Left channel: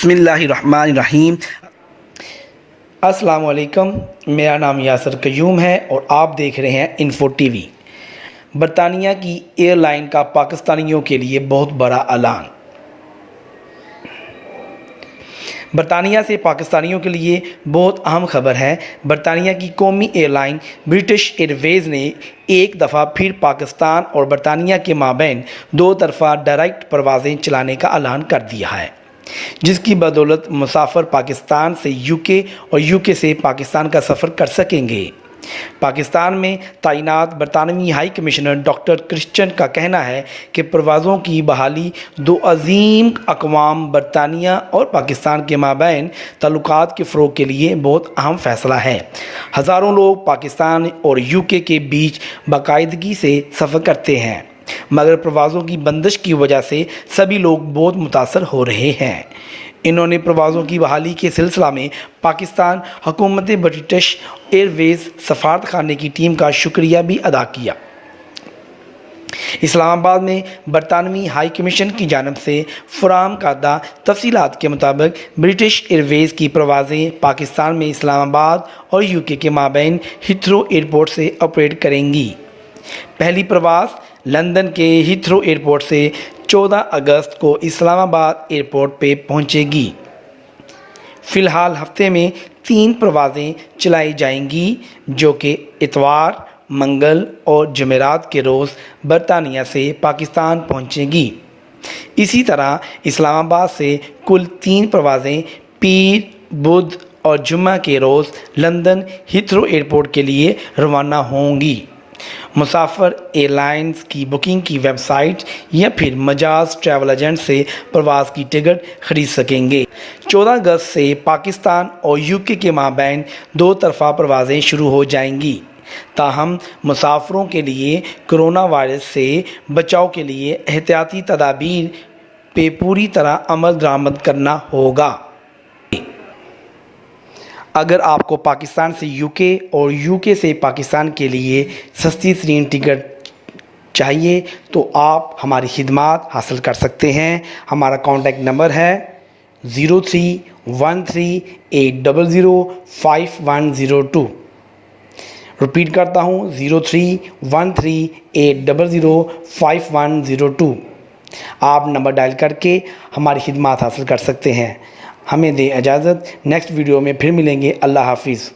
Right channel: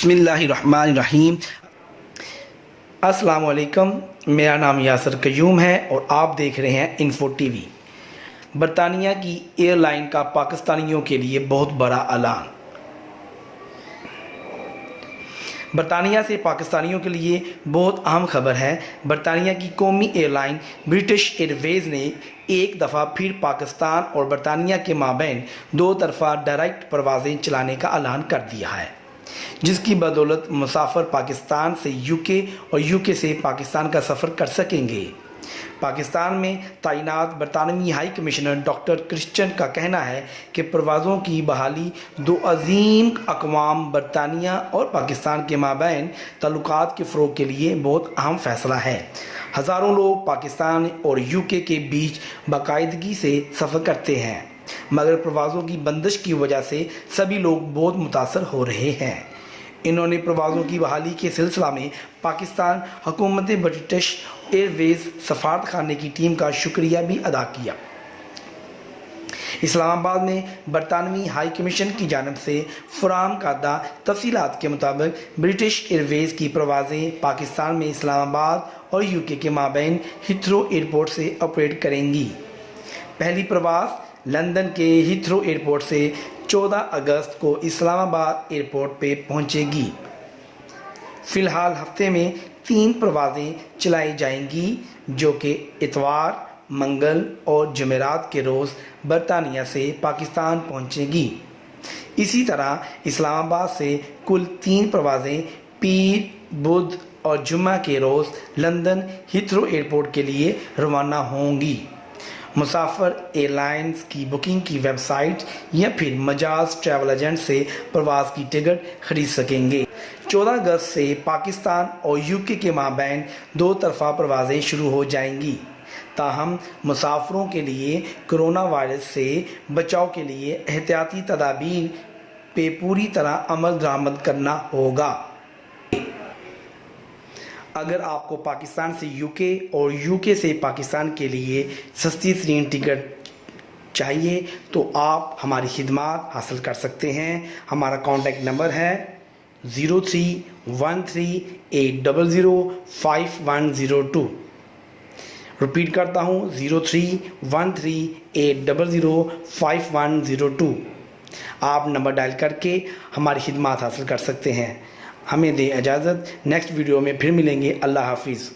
بسم اللہ الرحمن الرحیم۔ السلام علیکم، میرا نام یاسر قیوم ہے اور آپ دیکھ رہے ہیں انفو ٹی وی۔ برطانیہ کی ایئر لائن کا پاکستانیوں کے لیے بہت بڑا اعلان۔ برطانیہ سے پاکستانیوں کے لیے بہت اہم خبر ہے۔ برطانیہ کی قومی ایئر لائن برٹش ایئر ویز نے ایک دفعہ پھر پاکستان اور برطانیہ کے مابین دو طرفہ ڈائریکٹ پروازیں چلانے کا اعلان کر دیا ہے، جس کی بدولت مسافر پاکستان سے یو کے اور یو کے سے پاکستان کا سفر کر سکیں گے۔ پاکستان میں تعینات برطانوی ہائی کمشنر ڈاکٹر کرسچن کا کہنا ہے کہ پروازوں کی بحالی دو عظیم اقوام برطانیہ اور پاکستان کے مابین تعلقات کے فروغ کے لیے بہت اہم فیصلہ ہے۔ ہزاروں لوگ پاکستان اور یو کے بیچ باقاعدگی سے سفر کرتے ہیں، مگر پروازوں کی بندش کی وجہ سے سبھی لوگ بہت متاثر ہو رہے ہیں۔ انہوں نے پروازوں کی بحالی کے سلسلہ میں پاکستان حکومت برٹش ایئر ویز سفارت خانے کی ٹیم کا شکریہ بھی ادا کیا۔ اسلام آباد میں برطانوی ہائی کمیشن کی جانب سے فراہم کردہ تفصیلات کے مطابق برٹش ایئر ویز کی پروازیں پاکستان میں اسلام آباد اور یو کے مابین ہیتھرو ایئرپورٹ سے آپریٹ کریں گی۔ پہلی پرواز لندن کے ہیتھرو ایئرپورٹ سے 14 اگست کو اسلام آباد ایئرپورٹ پہ پہنچے گی۔ فی الحال ہفتے میں 3 پروازیں چلائی جائیں گی، جو کہ اتوار، منگل اور جمعرات کے روز برطانیہ سے پاکستان پہنچیں گی۔ اسی طرح اسلام آباد سے کل 3 پروازیں پیر، بدھ اور جمعہ کے روز لندن ہیتھرو ایئرپورٹ کے لیے روانہ ہوں گی۔ مسافر ایئر لائنز کی بکنگ کی ویب سائٹ یا پھر مجاز ٹریول ایجنٹ سے پرواز کی ٹکٹ خرید سکیں گے۔ 14 اگست سے پاکستان اور یو کے مابین دو طرفہ پروازیں شروع ہو جائیں گی، تاہم مسافروں کے لیے کرونا وائرس سے بچاؤ کے لیے احتیاطی تدابیر پہ پوری طرح عمل درآمد کرنا ہوگا۔ اگر آپ کو پاکستان سے یو کے اور یو کے سے پاکستان کے لیے سستی ترین ٹکٹ چاہیے تو آپ ہماری خدمات حاصل کر سکتے ہیں۔ ہمارا کانٹیکٹ نمبر ہے 031380050102۔ ریپیٹ کرتا ہوں 031380050102۔ آپ نمبر ڈائل کر کے ہماری خدمات حاصل کر سکتے ہیں۔ ہمیں دیں اجازت، نیکسٹ ویڈیو میں پھر ملیں گے۔ اللہ حافظ۔